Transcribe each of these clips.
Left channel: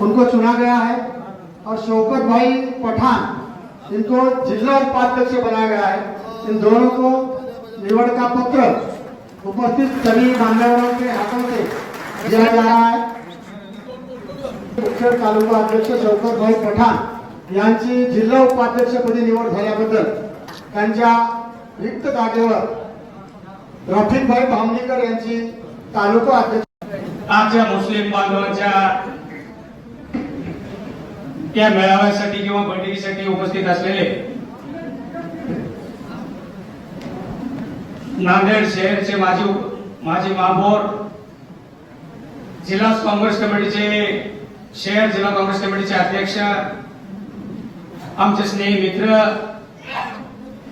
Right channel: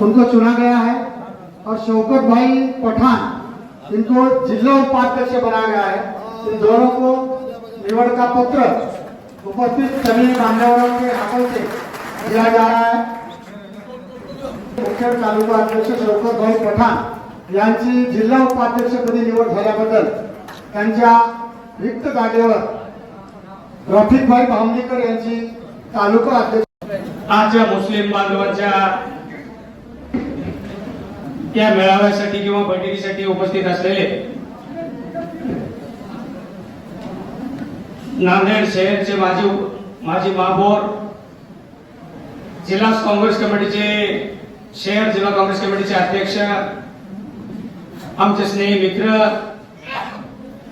उनको चुना गया है और शौकत भाई पठान इनको जिला उपाध्यक्ष बनाया गया है, इन दोनों को निवड का पत्र उपस्थित सभी बांधवों के हाथों से दिया जा रहा है। मुख्य तालुका अध्यक्ष शौकत भाई पठाण यांची जिल्हा उपाध्यक्षपदी निवड झाल्याबद्दल त्यांच्या रिक्त जागेवर रफिकभाई भावनीकर यांची तालुका अध्यक्ष आजच्या मुस्लिम बांधवांच्या या मेळाव्यासाठी किंवा बैठकीसाठी उपस्थित असलेले नांदेड शहरचे माजी माजी महापौर जिल्हा काँग्रेस कमिटीचे शहर जिल्हा काँग्रेस कमिटीचे अध्यक्ष आमचे स्नेही मित्र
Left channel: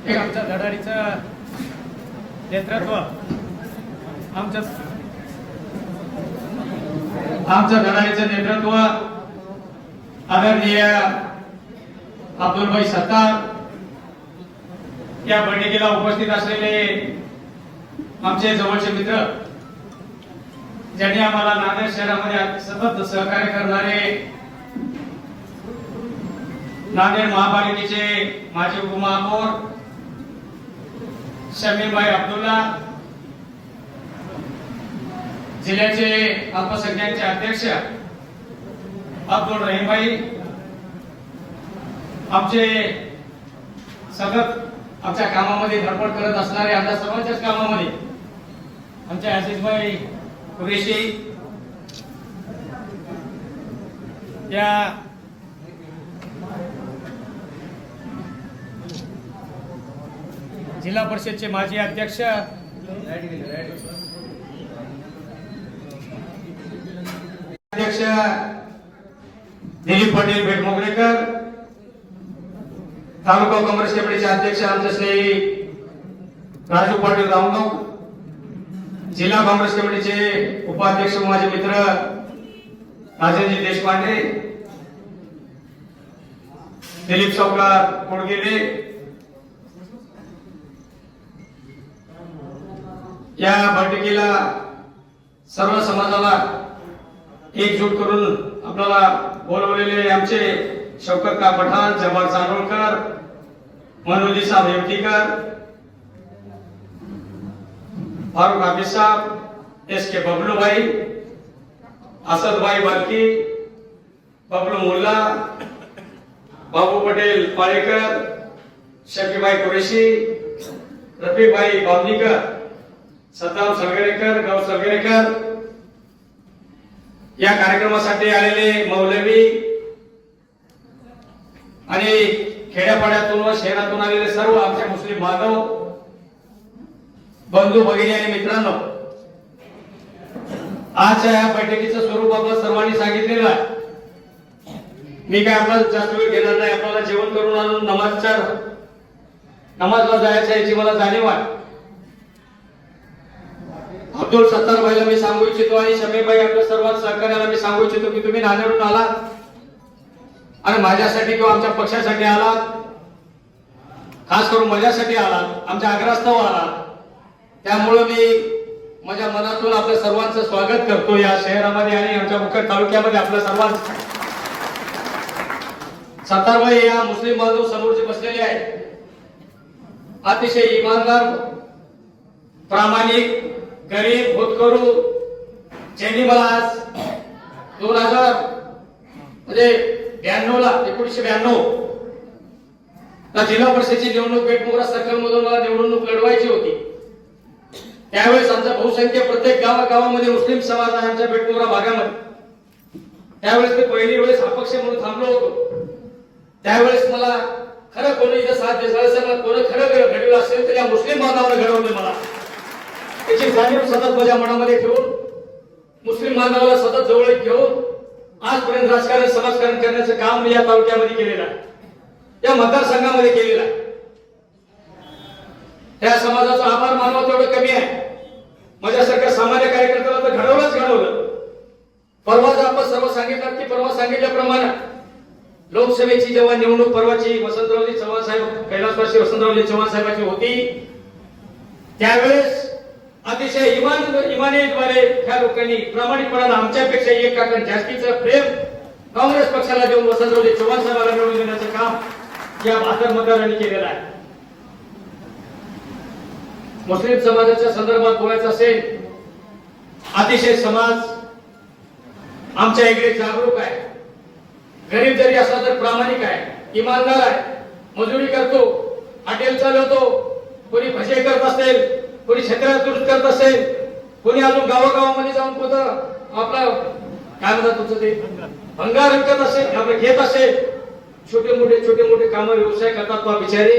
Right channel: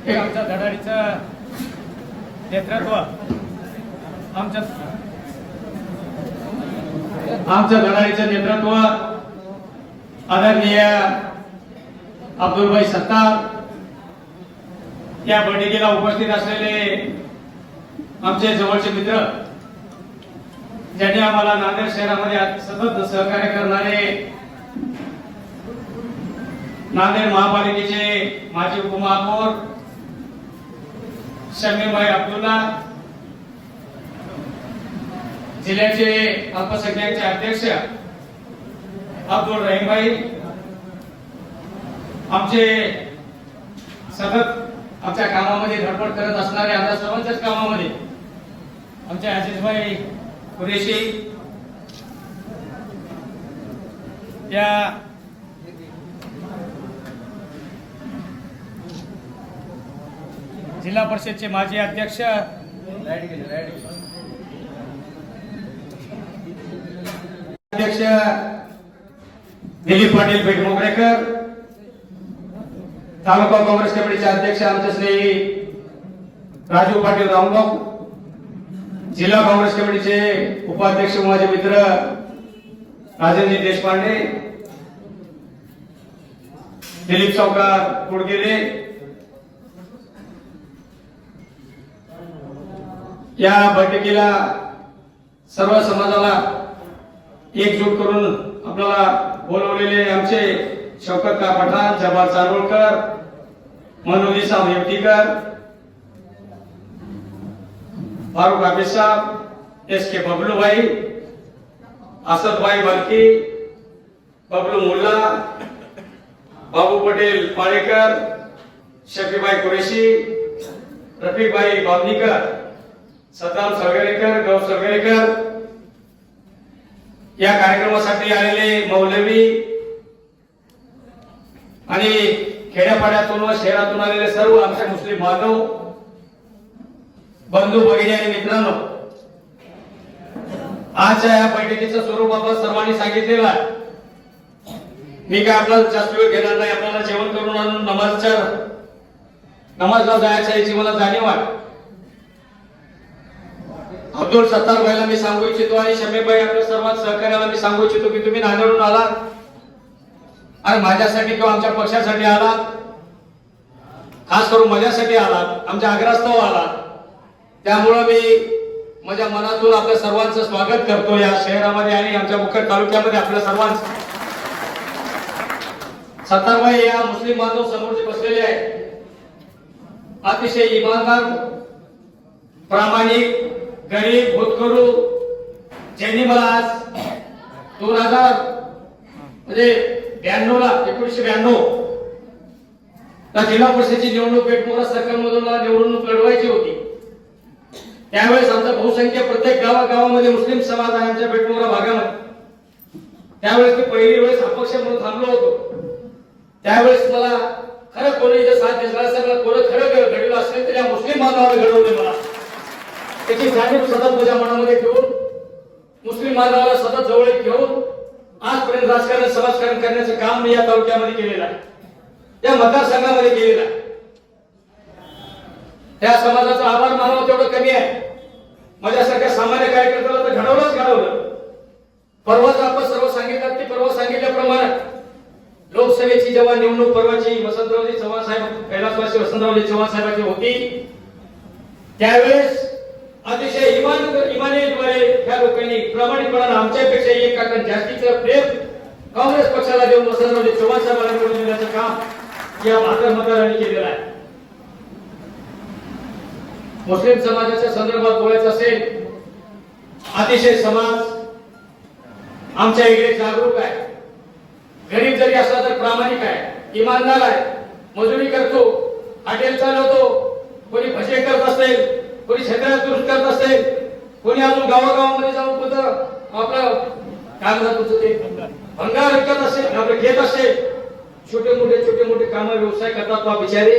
एक आमच्या धडाडीचं नेतृत्व आमच्या आमचं लढाईचं नेतृत्व आदरणीय अब्दुलभाई सत्तार या बैठकीला उपस्थित असलेले आमचे जवळचे मित्र ज्यांनी आम्हाला नांदेड शहरामध्ये सतत सहकार्य करणारे नांदेड महापालिकेचे माजी उपमहापौर शमीमभाई अब्दुल्ला जिल्ह्याचे अल्पसंख्याकचे अध्यक्ष अब्दुल रहीमभाई आमचे सतत आमच्या कामामध्ये धडपड करत असणारे आता सर्वांच्याच कामामध्ये आमचे आशिषभाई कुरेशी या जिल्हा परिषदचे माजी अध्यक्ष. अध्यक्ष दिलीप पाटील बेटमोगरेकर तालुका काँग्रेस कमिटीचे अध्यक्ष आमचे स्नेही राजू पाटील रामगाव. जिल्हा काँग्रेस कमिटीचे उपाध्यक्ष माझे मित्र राजनजी देशपांडे. दिलीप चौकार कोडगेले. या बैठकीला सर्व समाजाला एकजूट करून आपल्याला बोलवलेले आमचे शौकत का पठाण जमाल चारोळकर मनोजी साहेब हेमतीकर फारुख हाफिज साहेब एस के बबलूभाई असदभाई बालकी बबलू मुल्ला बाबू पटेल पाळेकर शफीभाई कुरेशी रफीकभाई बावनीकर सद्दाम सगळेकर गौ सगळेकर. या कार्यक्रमासाठी आलेले मौलवी आणि खेड्यापाड्यातून व शहरातून आलेले सर्व आमचे मुस्लिम माधव बंधू भगिनी आणि मित्रांनो आजच्या या बैठकीचं स्वरूप आपण सर्वांनी सांगितलेलं आहे. मी काय आपण जास्त वेळ घेणार नाही आपल्याला जेवण करून आणून नमाजच्या नमाजला जायच्या याची मला जाणीव आहे. अब्दुल सत्तार भाईला मी सांगू इच्छितो आणि शमीभाई आपल्या सर्वात सहकार्याला मी सांगू इच्छितो की तुम्ही नांदेडून आला. आणि माझ्यासाठी किंवा आमच्या पक्षासाठी आला. खास करून माझ्यासाठी आला. आमच्या आग्रहास्तव आला. त्यामुळं मी माझ्या मनातून आपल्या सर्वांचं स्वागत करतो या शहरामध्ये आणि आमच्या मुख्य तालुक्यामध्ये आपल्या सर्वांचं. सत्तारभाई या मुस्लिम बांधव समोर जे बसलेले आहेत अतिशय इमानदार प्रामाणिक गरीब होतकरू चैनी बलास दोन हजार म्हणजे ब्याण्णव ला एकोणीशे ब्याण्णव. जिल्हा परिषदेची निवडणूक बेटमोरा सरकारमधून मला निवडणूक लढवायची होती. त्यावेळेस आमचा बहुसंख्य प्रत्येक गावागावामध्ये मुस्लिम समाज आहे आमच्या बेटमोरा भागामध्ये. त्यावेळेस मी पहिली वेळेस अपक्ष म्हणून थांबलो होतो. त्यावेळेस मला खरं कोणी साथ दिसला असेल कोणी खरं घडवलं असेल तर या मुस्लिम बांधवाने घडवले मला. त्याची जाणीव सतत माझ्या मनामध्ये ठेवून मुस्लिम बांधवाला सतत जवळ घेऊन आजपर्यंत राजकारण समाजकारण करण्याचं काम मी या तालुक्यामध्ये केलेलं आहे. या मतदारसंघामध्ये केलेलं आहे. या समाजाचा आभार मानवा तेवढं कमी आहे. माझ्यासारख्या सामान्य कार्यकर्त्याला तर घडवलंच घडवलं. परवाच आपण सर्व सांगितलं की परवा सांगितल्याप्रमाणे लोकसभेची जेव्हा निवडणूक परवाची वसंतरावजी चव्हाण साहेब कैलासवासी वसंतरावजी चव्हाण साहेबांची होती त्यावेळेस अतिशय इमान इमानेद्वारे त्या लोकांनी प्रामाणिकपणानं आमच्यापेक्षा एक काकण जास्तीचं प्रेम काँग्रेस पक्षाला देऊन वसंतरावजी चव्हाण साहेबांना निवडून देण्याचं काम या भाकर मतदारांनी केलेलं आहे. मुस्लिम समाजाच्या संदर्भात बोलायचं असेल अतिशय समाज आमच्या इकडे जागरूक आहे. गरीब जरी असला तर प्रामाणिक आहे इमानदार आहे मजुरी करतो हॉटेल चालवतो कोणी भजे करत असेल कोणी शेतकऱ्याला दुरुस्त करत असेल कोणी अजून गावागावामध्ये जाऊन कुठं आपलं काय म्हणतात तुझं ते भंगार विकत असेल आपलं घेत असेल छोटे मोठे छोटे मोठे काम व्यवसाय करतात बा बिचारे.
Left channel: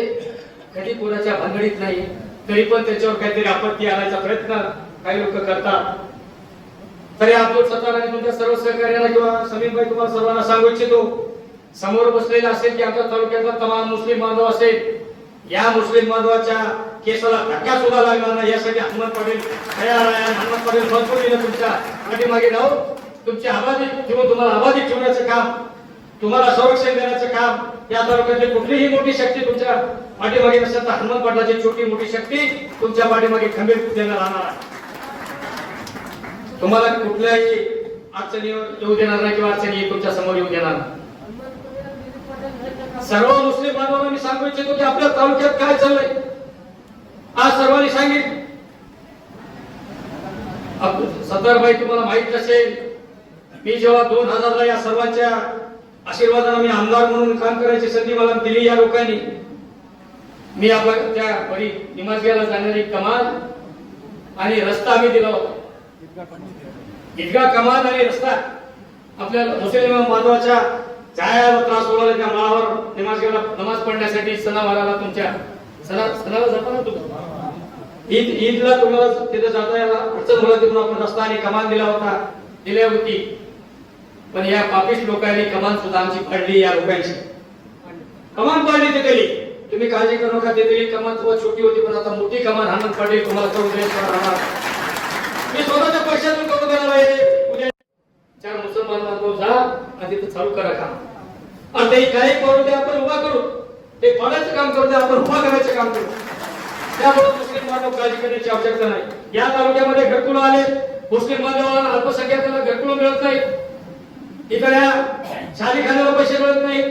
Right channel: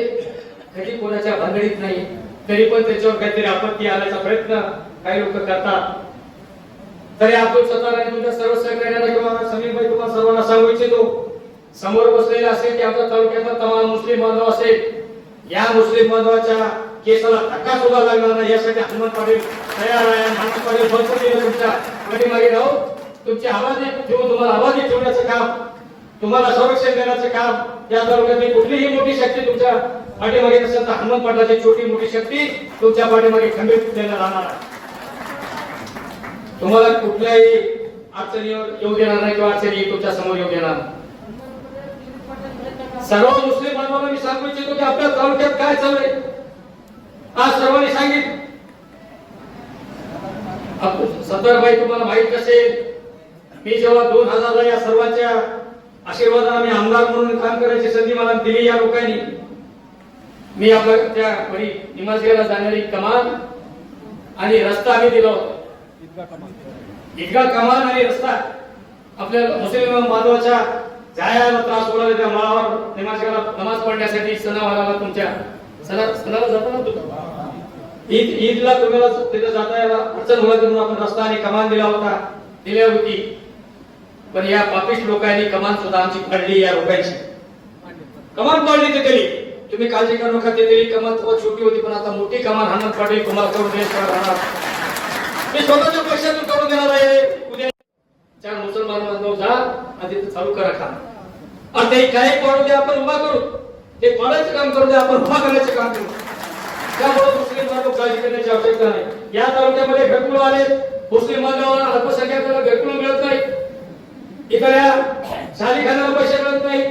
कधी कोणाच्या भानगडीत नाही तरी पण त्याच्यावर काहीतरी आपत्ती आणायचा प्रयत्न काही लोक करतात. तरी आपण सत्तार तुमच्या सर्व सहकार्याला किंवा समीरभाई तुम्हाला सर्वांना सांगू इच्छितो समोर बसलेला असेल की आपल्या तालुक्यातला तमाम मुस्लिम बांधव असेल या मुस्लिम बांधवाच्या केसाला धक्का सुद्धा लागला नाही यासाठी हनुमान पाटील तयार आहे. हनुमान पाटील भरपूर दिले तुमच्या पाठीमागे राहू तुमची आवाज ठेवून तुम्हाला आवाज ठेवण्याचं काम तुम्हाला संरक्षण देण्याचं काम या तालुक्यातली कुठलीही मोठी शक्ती तुमच्या पाठीमागे नसेल तर हनुमान पाटलाची छोटी मोठी शक्ती तुमच्या पाठीमागे खंबीर देण्यात राहणार आहे. तुम्हाला कुठल्याही अडचणीवर येऊ देणार नाही किंवा अडचणी तुमच्यासमोर येऊ देणार नाही. सर्व मुस्लिम बांधवांना मी सांगू इच्छितो की आपल्या तालुक्यात काय चाललंय? आज सर्वांनी सांगितलं. सत्तरबाई तुम्हाला माहीत असेल मी जेव्हा दोन हजारला या सर्वांच्या आशीर्वादाने मी आमदार म्हणून काम करायची संधी मला दिली या लोकांनी मी आपल्या त्या वडी निमाजग्याला जाणारी कमान आणि रस्ता आम्ही दिला होता. इतका कमान आणि रस्ता. आपल्या मुस्लिम माधवाच्या जायाला त्रास होणार त्या माळावर निमाजगेला नमाज पडण्यासाठी सणावाराला तुमच्या सणाला जाता ना तुम्ही ईद ईदला तुम्हाला तिथं जाता यायला अडचण होणार म्हणून आपण रस्ता आणि कमान दिला होता दिल्या होती. पण या पापिस्ट लोकांनी कमान सुद्धा आमची पडली या लोकांची. कमान पडली ते दिली तुम्ही काळजी करू नका ते दिली कमान खूप छोटी होती पण आता मोठी कमान हाणत पडली तुम्हाला चौधरी राहणार. मी स्वतःच्या पैशातून करून देणार आहे. उद्या चार मुसलमान बांधव जा आणि तिथे चालू करा काम. आणि ते काही करून द्या आपण उभा करू. ते कोणाचं काम करू दे आपण उभा करायचं काम करू. त्यामुळे मुस्लिम बांधव काळजी करण्याची आवश्यकता नाही. या तालुक्यामध्ये घरकुल आले मुस्लिम बांधवांना अल्पसंख्याकांना घरकुल मिळत नाही. इतर या शालीखान्याला पैसे मिळत नाही.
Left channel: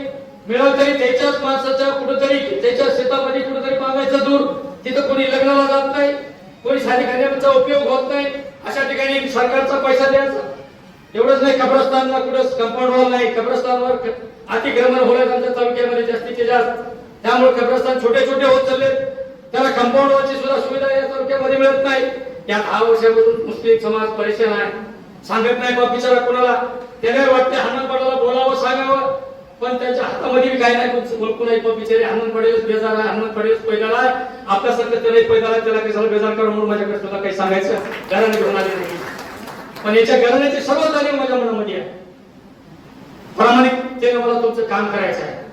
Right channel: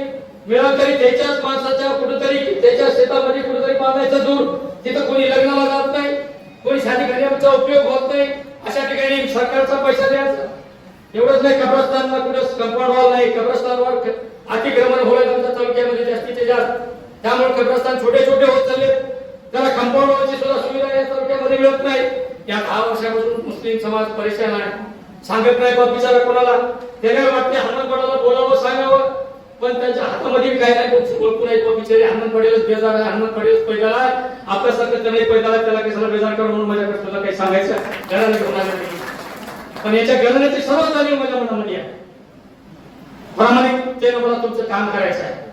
मिळाल तरी त्याच्याच माणसाच्या कुठेतरी त्याच्या शेतामध्ये कुठेतरी बांधायचं दूर. तिथं कोणी लग्नाला जात नाही. कोणी शालीखान्याचा उपयोग होत नाही. अशा ठिकाणी सरकारचा पैसा द्यायचा. एवढंच नाही कब्रस्तानला कुठं कंपाऊंड नाही. कब्रस्तानवर अतिक्रमण होणं त्यांच्या तालुक्यामध्ये जास्तीचे जास्त त्यामुळे कब्रस्तान छोटे छोटे होत चालले त्याला कंपाऊंड सुद्धा सुविधा या तालुक्यामध्ये मिळत नाही. या दहा वर्षापासून मुस्लिम समाज परेशान आहे. सांगत नाही बाप बिचारा कोणाला. त्याला वाटते हनुमान बोलावं सांगावं. पण त्यांच्या हातामध्ये काय नाही. ओळखू नाही बाप बिचारे. हनुमान पडेलच बेजार आहे. हनुमान पडेलच आहे. आपल्यासारखं त्याला पैदल आहे. त्याला कशाला बेजार करा म्हणून माझ्याकडे तुला काही सांगायचं? घराने घेऊन आले नाही. पण याच्या घराण्याची सर्व जाणीव माझ्या मनामध्ये आहे. प्रामाणिकतेनं मला तुमचं काम करायचं आहे.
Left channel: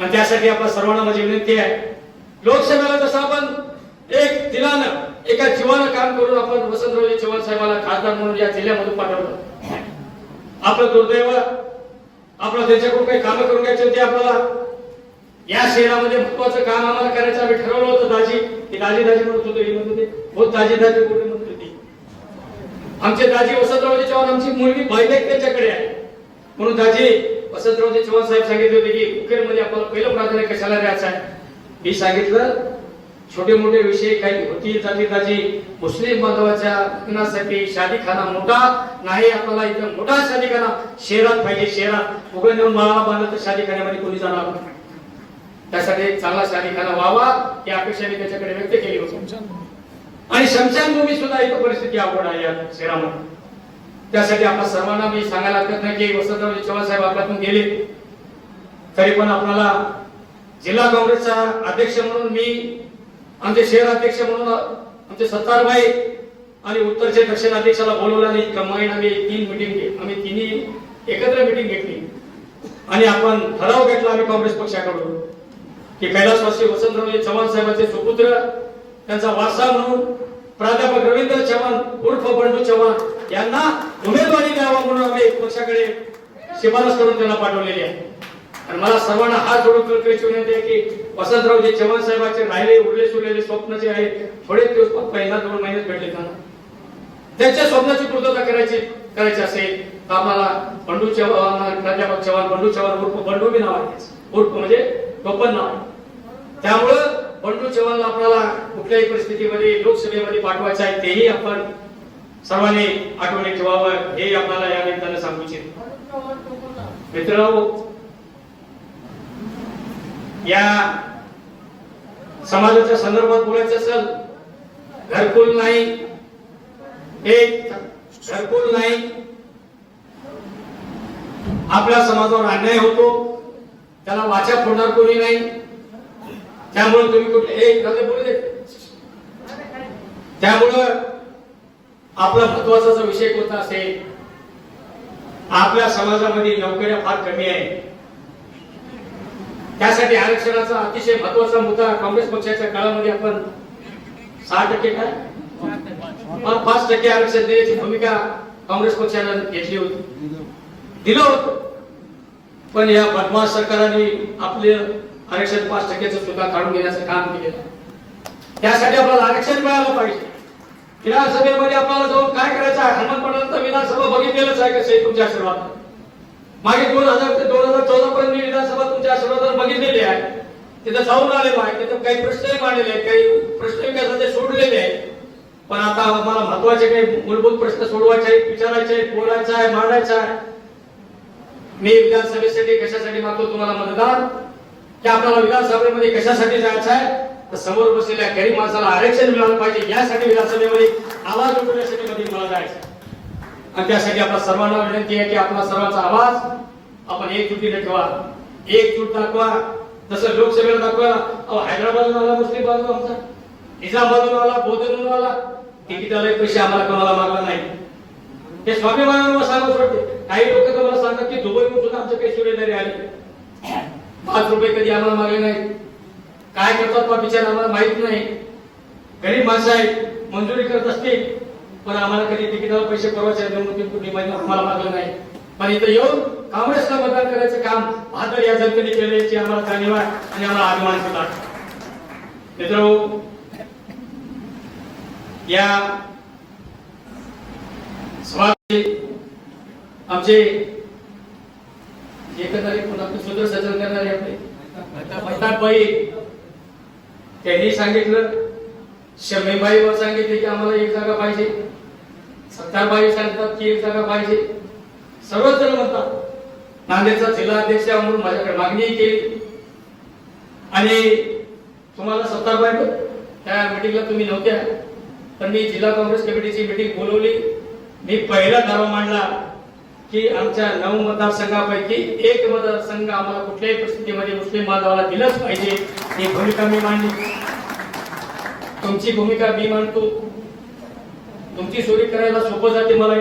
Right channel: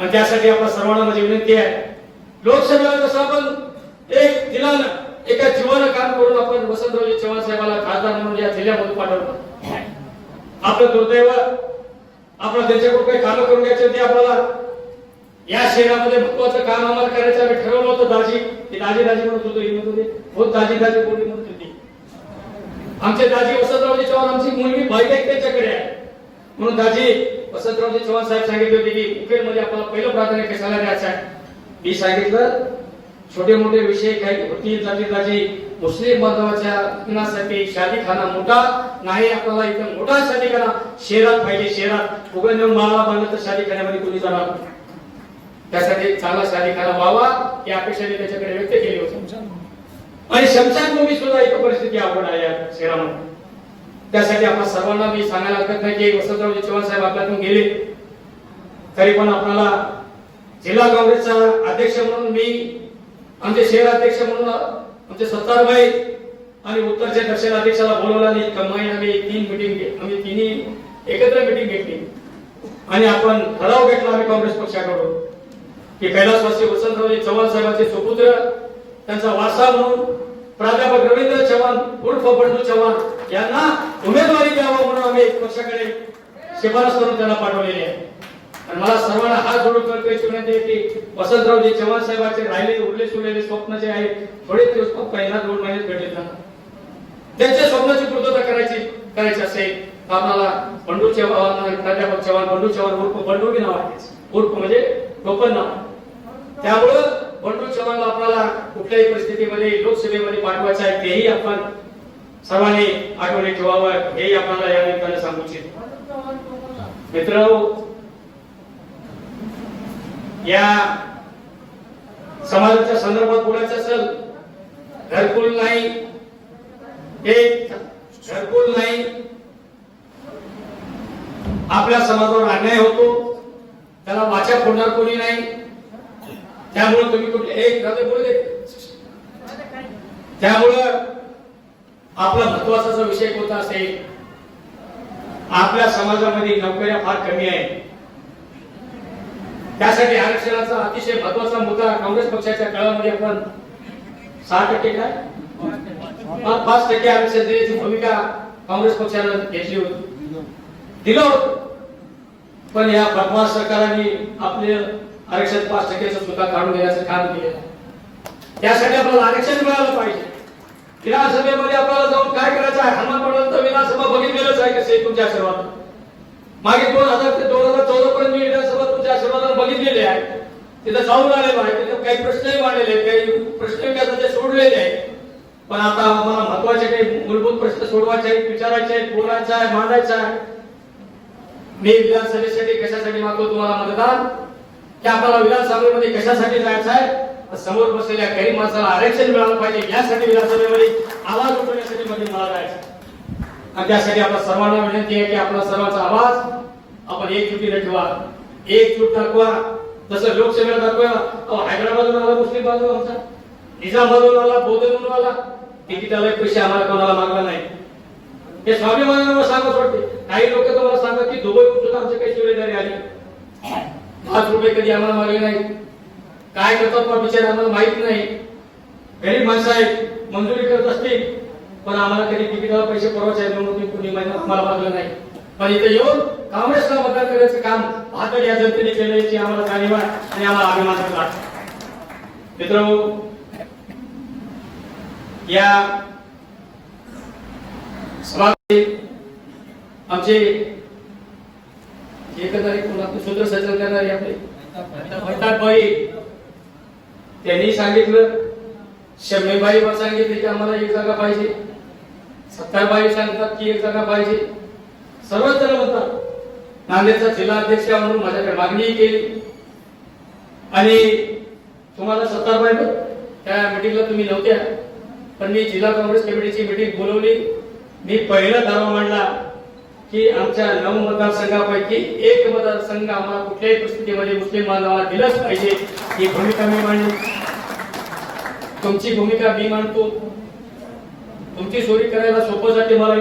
आणि त्यासाठी आपल्या सर्वांना माझी विनंती आहे. लोकसभेला जसं आपण एक दिलानं एका जीवानं काम करून आपण वसंतरावजी चव्हाण साहेबाला खासदार म्हणून या जिल्ह्यामधून पाठवलं. आपलं दुर्दैव आपला त्यांच्याकडून काही कामं करून घ्यायची होती आपल्याला. या शहरामध्ये महत्वाचं काम आम्हाला करायचं आम्ही ठरवलं होतं दाजी. ते दाजी दाजी म्हणत होतो ही म्हणत होते. हो दाजी दाजी कोणी म्हणत होती. आमचे दाजी वसंतरावजी चव्हाण आमची मुलगी भाईबाई त्याच्याकडे आहे. म्हणून दाजी वसंतरावजी चव्हाण साहेब सांगितले होते की उकेलमध्ये आपल्याला पहिलं प्राधान्य कशाला द्यायचं आहे? मी सांगितलं छोटे मोठे विषय काही होती जाती दाजी. मुस्लिम बांधवाच्या लग्नासाठी शादीखाना मोठा? नाही आपल्याला इथं मोठा शादीखाना. शहरात पाहिजे शहरात उघड नेऊन माळा बांधलं तर शादीखान्यामध्ये कोणी जाणार त्यासाठी चांगला शादीखाना व्हावा ही अपेक्षा मी त्याच्याकडे व्यक्त केली होती. आणि शमशान भूमी सुद्धा इथं परिस्थिती आपण आहे या शहरामध्ये त्यासाठी आपण सर्वांना मी सांगायला हरकत नाही की वसंतरावजी चव्हाण साहेब आपल्यातून गेले. तरी पण आपल्याला जिल्हा काँग्रेसचा अध्यक्ष म्हणून मी आमचे शहर अध्यक्ष म्हणून आमचे सत्तारभाई आणि उत्तरचे दक्षिण अध्यक्षाला बोलवलं आणि कंबाईन आम्ही तीन मिटिंग आम्ही तिन्ही एकत्र मिटिंग घेतली. आणि आपण ठराव घेतला आम्ही काँग्रेस पक्षाकडून की कैलासवासी वसंतरावजी चव्हाण साहेबांचे सुपुत्र त्यांचा वारसा म्हणून प्राध्यापक रवींद्र चव्हाण उर्फ बंडू चव्हाण यांना उमेदवारी द्यावा म्हणून आम्ही पक्षाकडे शिफारस करून त्यांना पाठवलेली आहे. आणि मला सर्वांना हात जोडून कल्पना विनंती आहे की वसंतरावजी चव्हाण साहेबांचे राहिले उरले सुरलेले स्वप्न जे आहे थोडे दिवस पहिला दोन महिन्यात भेटले त्यांना. त्यांच्या स्वप्नाची पूर्तता करायची करायची असेल तर आम्हाला बंडू चव्हाण प्राध्यापक चव्हाण बंडू चव्हाण उर्फ बंडू बी नाव आहे. उर्फ म्हणजे टोपण नाव त्यामुळं बंडू चव्हाणला आपल्याला कुठल्याही परिस्थितीमध्ये लोकसभेमध्ये पाठवायचं आहे तेही आपण सर्वांनी आठवणी ठेवावं हे आपल्याला या निमित्तानं सांगू इच्छित. मित्र या समाजाच्या संदर्भात बोलायचं असेल घरकुल नाही एक घरकुल नाही. आपल्या समाजावर अन्याय होतो त्याला वाचा फोडणार कोणी नाही. त्यामुळे तुम्ही कुठे एक बोलू देते त्यामुळं आपला महत्त्वाचा जो विषय कोणता असेल? आपल्या समाजामध्ये नोकऱ्या फार कमी आहे त्यासाठी आरक्षणाचा अतिशय महत्त्वाचा मुद्दा काँग्रेस पक्षाच्या काळामध्ये आपण सहा टक्के काय पाच टक्के आरक्षण देण्याची भूमिका काँग्रेस पक्षाला घेतली होती. दिलं होतं. पण या बदमाश सरकारने आपले आरक्षण पाच टक्क्याचं सुद्धा काढून घेण्याचं काम केलेलं आहे. त्यासाठी आपल्याला आरक्षण मिळालं पाहिजे. विधानसभेमध्ये आपल्याला जाऊन काय करायचं आहे? हनुमान तर विधानसभा बघितलेलंच आहे कसं तुमच्या आशीर्वाद मागे दोन हजार ते दोन हजार चौदा पर्यंत मी विधानसभा तुमच्या आशीर्वादात बघितलेली आहे. तिथं जाऊन आलेलो आहे तिथं काही प्रश्नही मांडलेले आहेत काही प्रश्न विकासाचे सोडलेले आहेत. पण आता आम्हाला महत्त्वाचे काही मूलभूत प्रश्न सोडवायचे आहेत विचारायचे आहेत बोलायचे आहे मांडायचे आहे. मी विधानसभेसाठी कशासाठी मागतो तुम्हाला मतदान? की आपल्याला विधानसभेमध्ये कशासाठी जायचं आहे? तर समोर बसलेल्या गरीब माणसाला आरक्षण मिळालं पाहिजे. यासाठी विधानसभेमध्ये आवाज उठवण्यासाठी मध्ये मला जायचं आणि त्यासाठी आपल्या सर्वांना विनंती आहे की आपला सर्वांचा आवाज आपण एकजुटीने ठेवा. एकजूट दाखवा. जसं लोकसभेला दाखवा. अहो, हैदराबादवाला आला मुस्लिम बाजू आमचा निजामाबादून आला आला तिकिटाला पैसे आम्हाला कोणाला मागला नाही हे स्वाभिमानाला सांगत वाटते काही लोक तुम्हाला सांगतात की दुबईहून सुद्धा आमच्या काही सुरेदारी आली. पाच रुपये कधी आम्हाला मागे नाही. काय करतात बा बिचार आम्हाला माहीत नाही. गरीब माणसं आहेत मंजुरी करत असतील पण आम्हाला कधी तिकिटावर पैसे पुरवायचे निवडणुकीत कुणी माहिती आम्हाला मागलं नाही. पण इथं येऊन काँग्रेसला मतदान करायचं काम बहादर या जनतेने केल्याची आम्हाला जाणीव आहे आणि आम्हाला अभिमान होता मित्र या सभा आमचे एकंदरीत पुन्हा सूत्र सजल करणारे आपले प्रतापभाई त्यांनी सांगितलं शमीबाई सांगितले की आम्हाला एक जागा पाहिजे. सत्तारबाई सांगतात की एक जागा पाहिजे. सर्वच जण म्हणतात. नांदेडचा जिल्हा अध्यक्ष म्हणून माझ्याकडे मागणी केली. आणि तुम्हाला सत्तारबाई त्या मिटिंगला तुम्ही नव्हत्या. पण मी जिल्हा काँग्रेस कमिटीची मिटिंग बोलवली. मी पहिला दावा मांडला. की आमच्या नऊ मतदारसंघापैकी एक मतदारसंघ आम्हाला कुठल्याही परिस्थितीमध्ये मुस्लिम बांधवाला दिलंच पाहिजे. ही भूमिका मी मांडली तुमची भूमिका मी मांडतो. तुमची चोरी करायला सोपं जाते मला.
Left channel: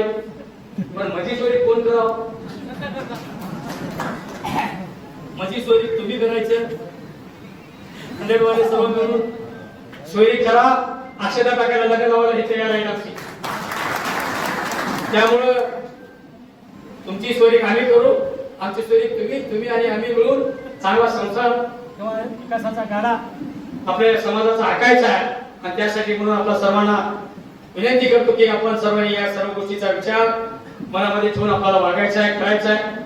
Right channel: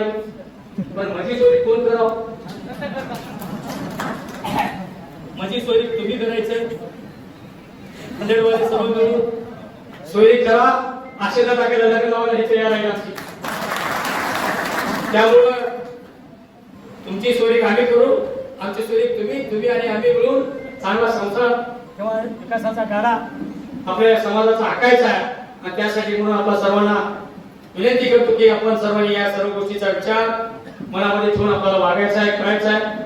पण माझी चोरी कोण करावं? माझी चोरी तुम्ही करायचं. हंड्रेड वाले सर्व मिळून चोरी करा. अक्षता टाकायला लग्न लावायला हे तयार आहे आमची. त्यामुळं तुमची चोरी आम्ही करू आमची चोरी तुम्ही तुम्ही आणि आम्ही मिळून चांगला संसार किंवा विकासाचा गाडा आपल्या समाजाचा आकायचा आहे. आणि त्यासाठी म्हणून आपल्या सर्वांना विनंती करतो की आपण सर्वांनी या सर्व गोष्टीचा विचार मनामध्ये ठेवून आपल्याला वागायचा आहे करायचा आहे.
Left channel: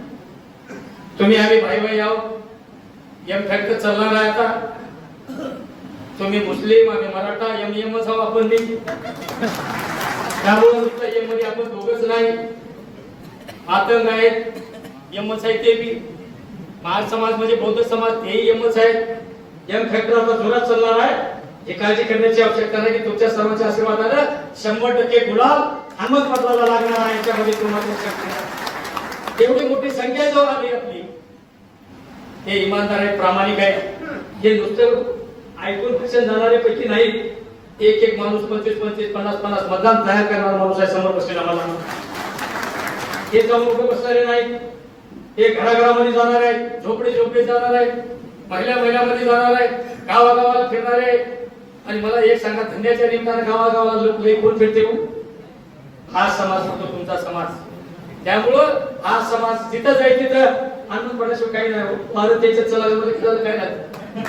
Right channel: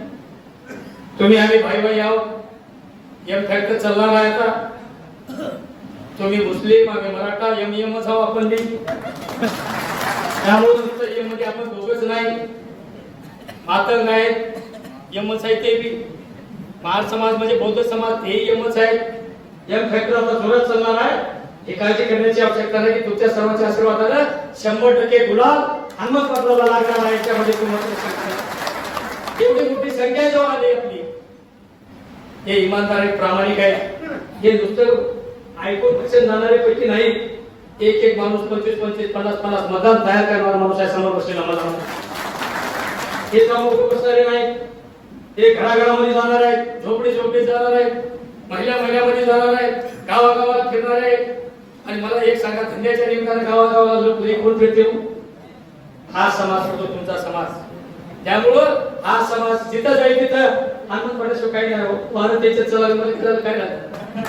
तुम्ही आम्ही भाई भाई आहोत. एम फॅक्ट चालणार आहे आता. तुम्ही मुस्लिम आम्ही मराठा एम एम आहोत आपण बी. त्यामुळे तुमच्या एममध्ये आपण दोघच नाही. मातंग आहेत यमच आहे ते बी. महार समाज म्हणजे बौद्ध समाज तेही यमच आहेत. यम फॅक्टर आता जोरात चालणार आहे. हे काळजी करण्याची आवश्यकता नाही की तुमच्या सर्वांच्या आशीर्वादाला शंभर टक्के गुलाल हनुमत पत्राला लागणार आहे. याच्यामध्ये तुम्हाला एवढी मोठी संख्या जो आली आपली. हे इमानदार आहेत प्रामाणिक आहेत. हे नुसतं ऐकून पक्षात जाणारे पैकी नाही एक एक माणूस पंचवीस पंचवीस पन्नास पन्नास मतदान तयार करणारा माणूस आहे समोर बसलेला मला हे चौक लोक बसणारे नाहीत. हे घराघरामध्ये जाणार आहेत. झोपडी झोपडी जाणार आहेत. महिला महिलामध्ये जाणार आहेत. गावागावाला फिरणार आहेत. आणि मला एक सांगा धंद्याच्या निमित्ताने गावागावाला लोक हे कोण फिरते हो? हा समाज होतो तुमचा समाज. त्यामुळं हा समाज तिथं जाईल तिथं आनंद पडण्याशिवाय काही नाही हो. भारत त्याच्यात चला काय नाही.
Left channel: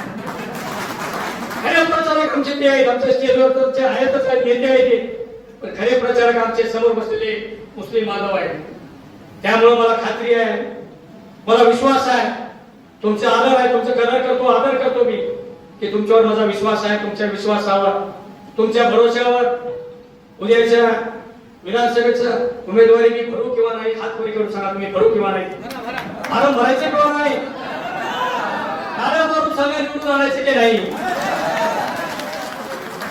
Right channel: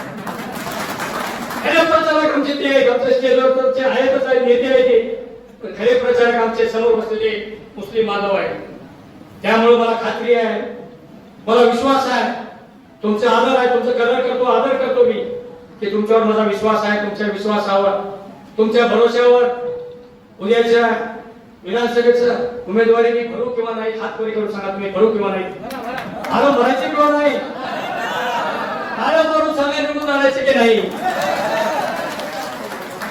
खरे प्रचारक आमचे ते आहेत. आमच्या स्टेजवर आहेतच आहेत नेते आहेत ते. पण खरे प्रचारक आमचे समोर बसलेले मुस्लिम माधव आहेत. त्यामुळे मला खात्री आहे. मला विश्वास आहे. तुमचा आदर आहे. तुमचं कदर करतो आदर करतो मी. की तुमच्यावर माझा विश्वास आहे तुमच्या विश्वासावर. तुमच्या भरोश्यावर उद्याच्या विधानसभेचं उमेदवारी मी करू किंवा नाही हात पुढे करून सांगा तुम्ही करू किंवा नाही. अरे म्हणायचे किंवा नाही? अरे करून सगळे निवडून आणायचे की नाही?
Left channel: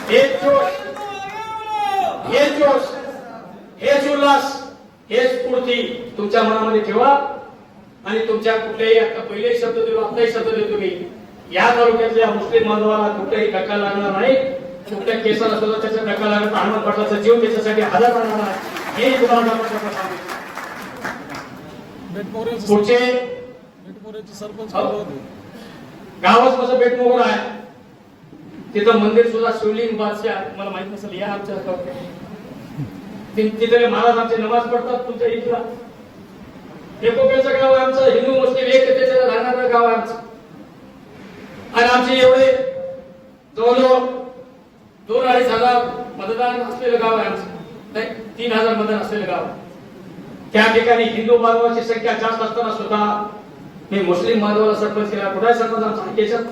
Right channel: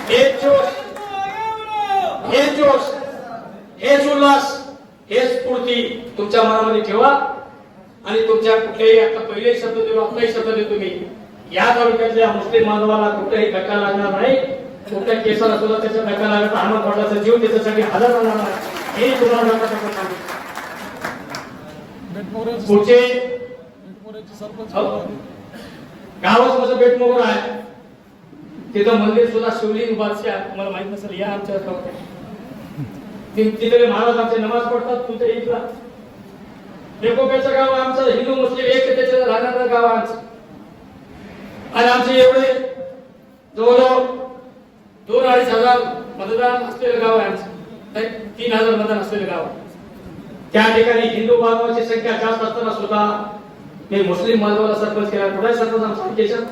हे जोश. हे जोश. हेच उल्हास हेच स्फूर्ती तुमच्या मनामध्ये ठेवा आणि तुमच्या कुठल्याही आता पहिले शब्द देतो आताही शब्द देतो मी या तालुक्यातल्या मुस्लिम बांधवाला कुठलाही धक्का लागणार नाही. कुठल्या केसाला सुद्धा त्याचा धक्का लागत अहमद पाटलाचा जीव त्याच्यासाठी हजार राहणार आहे हे तुम्हाला. पुढचे हो. गावात माझं बेटमोगल आहे? तिथं मंदिर सुद्धा शिवलिंग बादशाह मला माहीत नसेल या आमच्या तिथे महाराजांचे नमाज पडतात तुमच्या इथला. एकोप्याचं गाव आमचं हिंदू मुस्लिम एकतेचं राहणारं गाव आमचं. आणि आमचे एवढे जवळजवळ दोन अडीच हजार मतदान असलेलं गाव आहे आमचं. नाही, तीन हजार मतदान असलेलं गाव त्या ठिकाणी हिंदू बांधवाची संख्या जास्त असताना सुद्धा मी मुस्लिम बांधवाला सरपंच केला. कुठे सरपंच आमचा केशव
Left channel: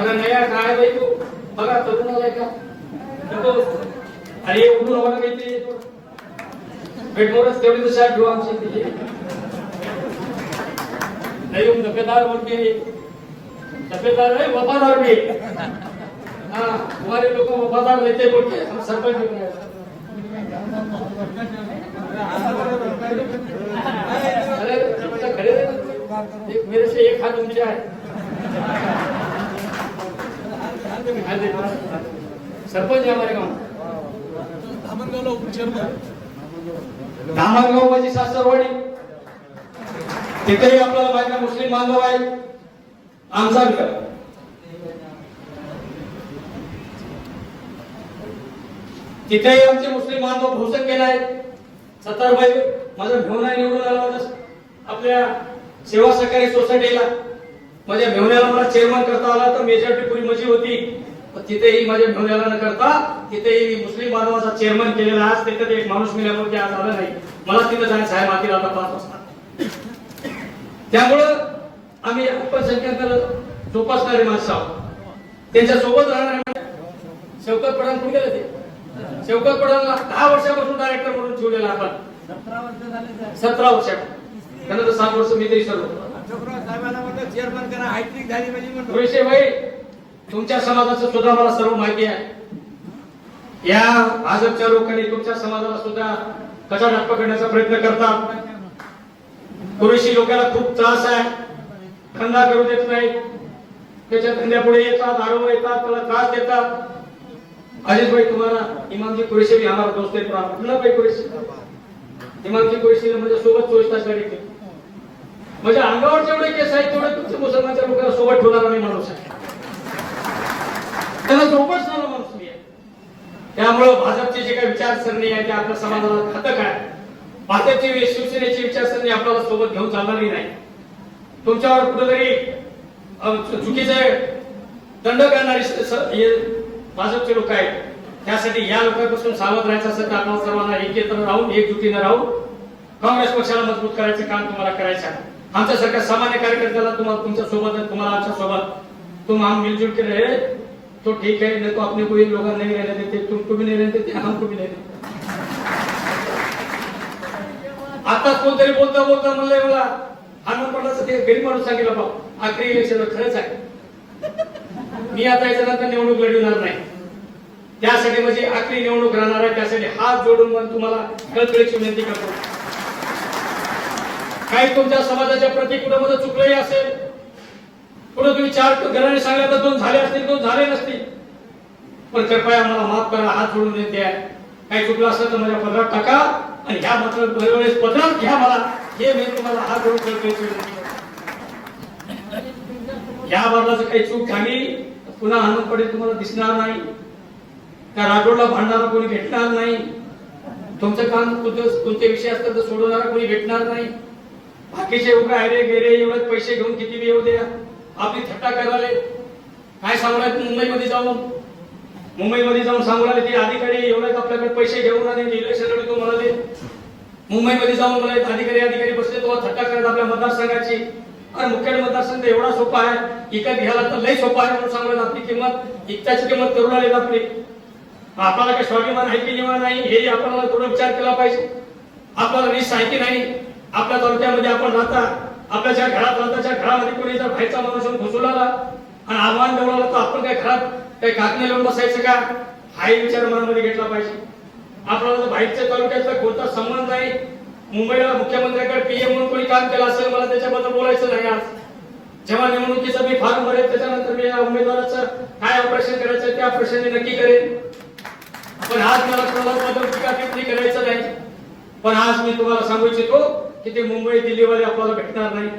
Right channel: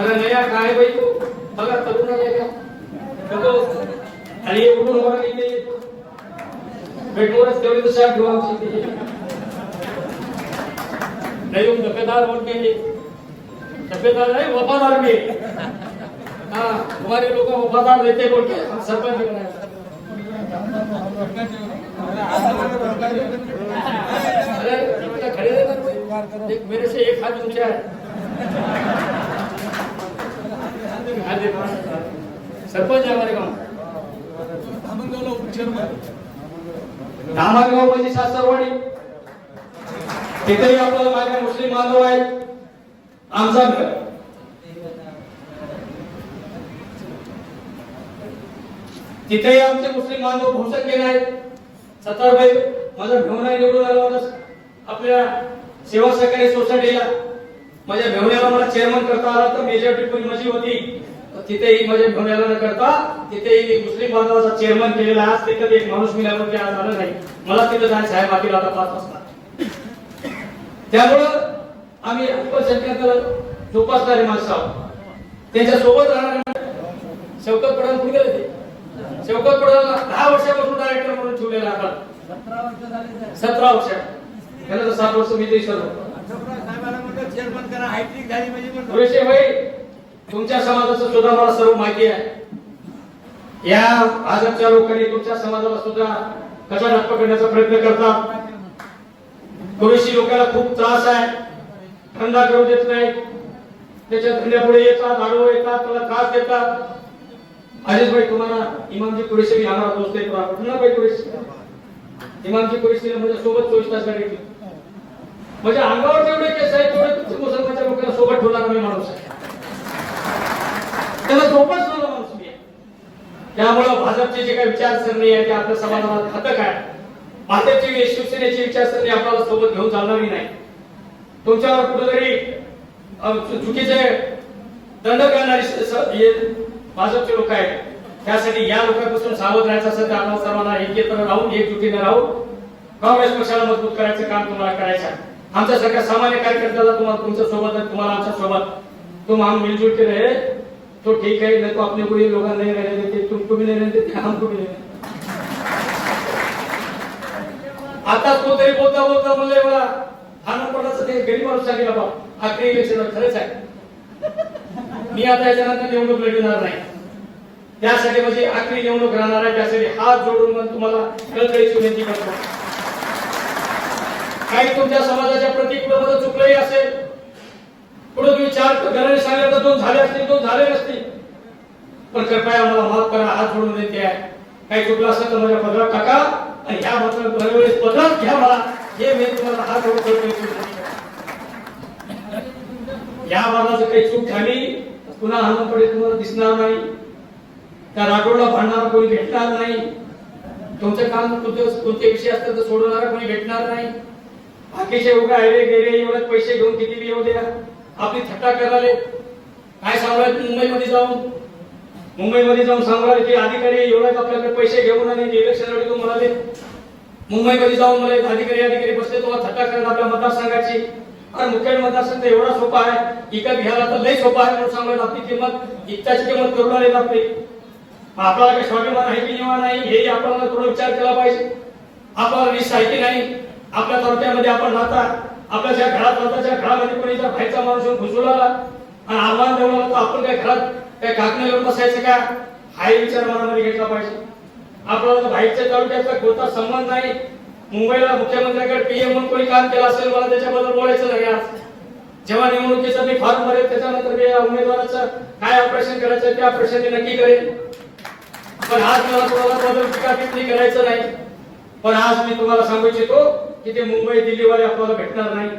अरे नया काय बाई तू? बघा तरुण का आणि हे उठून बघा काही ते. भेटमोरच तेवढी शाट घेऊ आमची इथे. नहीं तुम दफेदार बोल के दफेदार है वफादार भी हाँ हमारे लोग को वफादार रहते बोल के, हम सरपंच भी बनाए अरे इतना खड़े रहना देख मेरे से एक हाथ ऊँचा है। सरपंच है हमारे गाँव धामणगाव म्हणजे सासरवाडी. तिथेही आपल्याला माझे मुस्लिम बांधव आहेत. आमचा घर. तिथेही आमचे मुस्लिम बांधव भोसक गेले आहेत सत्तारबाई माझा भेवण्या निवडून आला होता आपल्या सेवा सहकारी सोसायटीला माझ्या मेहुण्याला मला चेअरमन करता आला तर मेजॉरिटी पूर्वी माझी होती. तिथेही माझ्या मेहुण्याला न करता तिथेही मी मुस्लिम बांधवाचा चेअरमन केलेला आज ते कधी एक माणूस मिळाल्यामुळे आज आलं नाही. मला तिथं जायचं आहे मातीला आता पाच वाजता. त्यामुळं आम्ही अल्पसंख्याक जोपासणारे माणसं आहोत. त्यांच्यासोबत राहणारे शौकत पठाण कुठे गेले ते? शौकत पठाणला दहा वर्षापासून डायरेक्टर म्हणून ठेवलेला आपण सतरा वर्ष त्यानंतर सात वर्ष मी ते सर्व पुरेशे भाई तुमच्या समाजाचं सुद्धा मला सर्व माहिती आहे. या भाजपच्या लोकांनी तुमच्या समाजाला सुद्धा कसा डाक पकडण्याचा प्रयत्न करतात. पुरेशी लोकांना खूप त्रास आहे. धंदा करू देत नाहीत. त्याच्या धंद्यापुढे येतात आडवं येतात त्याला त्रास देतात. अजित भाई तुम्हाला इमानजी कुरेशी भी आम्हाला दोस्त है तो भाई कुरेशी इमानजी कुरेशी म्हणजे सोबत चोवीस तास गाडी म्हणजे अंगावर जेवढे केस आहेत तेवढे तुमच्या मुसलमानच्या लोकांना सोबत ठेवणार मी माणूस आहे. त्याला जोपासणारा माणूस मी. आहे त्यामुळं भाजपचे जे काही विचारसरणी आहे ते आपल्या समाजाला घातक आहे. भाजपची शिवसेनेची विचारसरणी आपल्याला सोबत घेऊन चालणारी नाही. तुमच्यावर कुठेतरी चुकीचे दंड करणारे हे भाजपचे लोक आहेत. त्यासाठी या लोकांपासून सावध राहायचं असेल तर आपण सर्वांना एकत्र राहून एकजुटीने राहून काँग्रेस पक्षाला मजबूत करायचं काम तुम्हाला करायचं आमच्यासारख्या सामान्य कार्यकर्त्याला तुम्हाला तुमच्यासोबत तुम्हाला आमच्यासोबत. तुम हम मिलजुल के रहे तो ठीक है नहीं तो अपने को ये लोग नहीं रहने देते तुमको भी नहीं रहने देते हमको भी नहीं रहने आता कोणतरी बोलता बोलता म्हणलंय मला हनुमानाचं ते गरीब माणूस सांगितलं बाबा आखरी इलेक्शन खरंच आहे. मी आता याच्यानंतर निवडणूक लढविणार नाही. त्यासाठी माझी आखरी निवडणूक राहणार आहे त्यासाठी हात जोडून मग तुम्हाला कळकळीची विनंती करतो. काही तुमच्या समाजाच्या प्रति कुठं चुकलंही असेल पुढे तुम्ही चार घराने सांगितलं तर दोन झाले असतील दोन झाले नसतील पण कृपया मला माफ करा हात जोडून देते. आहे काही चुकलं असलं तर माझ्या पदरात टाका. आणि ह्या मात्र दरवेळेस पदरात घ्या मला. हे मी तुम्हाला हात जोडून करतो. या बाबा जर काही चूक झाली पुन्हा हनुमानकडे तुम्हाला दिसणार नाही. त्या राठोडला भांडणारा कोणी भेटणार नाही. तुमचं काम कोणतं कोणते विषय असतात तर सोडवणारा कोणी भेटणार नाही. बाकीचे उगा अरे गेरे एवढे पैसे घेऊन किती देऊ द्या? आपली थट्टा करायला काय सांगू मुंबईमध्ये जाऊन. मुंबईमध्ये जाऊन सांगू लागले की अधिकारी एवढ्याच आपल्याकडे पैसे घेऊन आले इलेक्शन लढतो म्हणाले. मुंबईमध्ये जाऊन मला अधिकारी अधिकारी बसले तेव्हा थट्टा करायला आपल्या मतदारसंघाची. अरे मुख्य मतदारसंघ एवढा सोपा आहे. इकत घ्यायला तर लई सोपा आहे. म्हणून सांगत आपली किंमत इकताची किंमत करून आली आपली आपल्याला काही स्वाभिमान आहे की निवा नाही? हे आपण थोडा विचार केला पाहिजे. आपल्याला वीस आहे की नाही? आपल्या तालुक्यामध्ये आपण राहता. आपल्या ज्या घरात राहता त्या घरामध्ये कोणी जर बाहेरचा माणूस घुसून आला आणि आव्हान देऊ तर आपण काय घरात काही काकणे लावून बसायचं का? हाही विचार मनामध्ये घेतला पाहिजे. आपल्याला बाहेरच्या तालुक्याचा कोणता संबंध नाही. मुंबईला मुख्यमंत्र्यांकडे पीएम म्हणून कोणी काम केलं असेल मला त्याच्याबद्दल बोलायचं नाही आज. जेव्हा निवडणुकीचं मी फॉर्म भरेल त्याच्यानंतर मी या उमेदवाराचं काय ऑपरेशन करायचं त्या ऑपरेशन मी नक्की करेन. पण आज मला तुम्हाला बदल करायचं नाही. पण आज मी तुम्हाला सांगू इच्छितो की ते मुंबई दिल्लीवाले आपल्याला भेटणार नाही.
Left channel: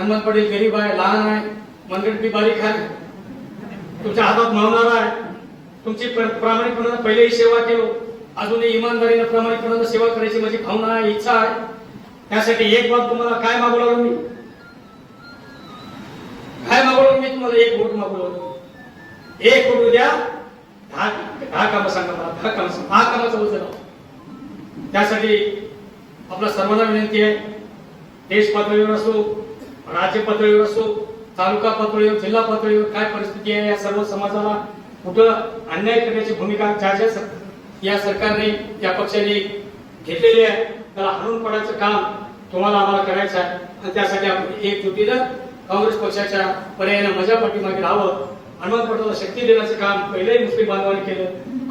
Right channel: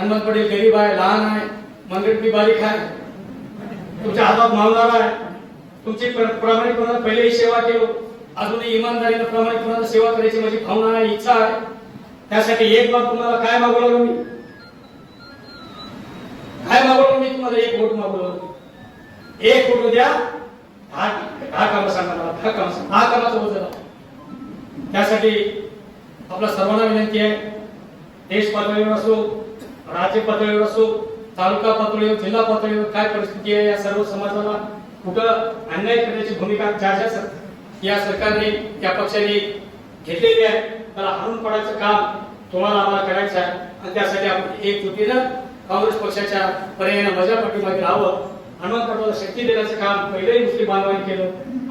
हनुमंत पटेल गरीब आहे लहान आहे मनगट मी बारीक आहे. तुमच्या हातात मावणार आहे. तुमची प्र- प्रामाणिकपणानं पहिलेही सेवा केलो. अजूनही इमानदारीनं प्रामाणिकपणानं सेवा करायची माझी भावना आहे इच्छा आहे. त्यासाठी एक बाब तुम्हाला काय मागवलं मी? काय मागवलं मी तुम्हाला? एक वोट मागवलं एक वोट द्या. हा दहा कामं सांगा मला. हा काम सांगा. हा कामाचं बोल त्यासाठी आपला सर्वांना विनंती आहे. देश पातळीवर असो राज्य पातळीवर असो तालुका पातळीवर जिल्हा पातळीवर काय परिस्थिती आहे या सर्व समाजाला कुठं अन्याय करण्याची भूमिका ज्या ज्या सर- या सरकारने त्या पक्षाने घेतलेली आहे त्याला हरून पडायचं काम तुम्हाला आम्हाला करायचं आहे. आणि त्यासाठी आपण एकजुटीनं काँग्रेस पक्षाच्या पर्यायाने माझ्या पाठीमागे राहावं. हनुमान पटाला शक्ती देण्याचं काम पहिलेही मुस्लिम बांधवांनी केलं.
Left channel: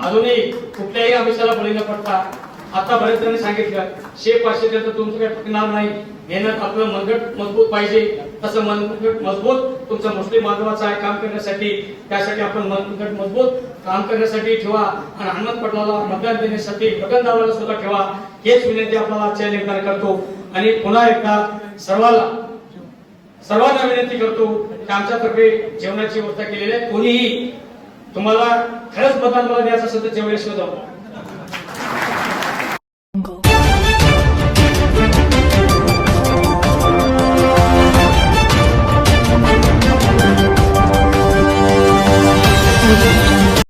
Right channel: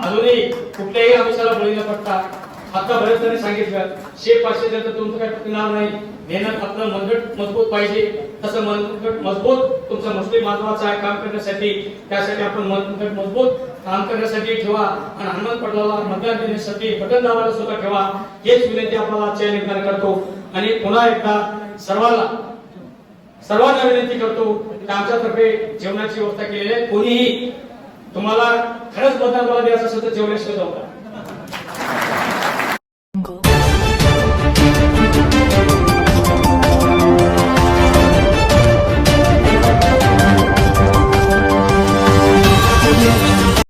अजूनही कुठल्याही आदेशाला बळी न पडता आता बरेच जणांनी सांगितलं शे पाचशे तर तुमचं काही पटणार नाही. मेहनत आपलं मनगट मजबूत पाहिजे. तसं मनगट मजबूत तुमचं मुस्लिम महत्वाचं आहे काम करण्यासाठी. त्यासाठी आपण मनगट मजबूत काम करण्यासाठी ठेवा. आणि अहमद पटलाला मतदान देण्यासाठी बटन दाबायला सुद्धा ठेवा. हेच विनंती आपल्याला आजच्या निर्धार करतो. आणि पुन्हा एकदा सर्वांना सर्वांना विनंती करतो की आमच्यातर्फे जेवणाची व्यवस्था केलेली आहे. कोणीही तुम्हाला खरंच मतदान मला द्यायचं असेल तर जेवल्याशिवाय जाऊ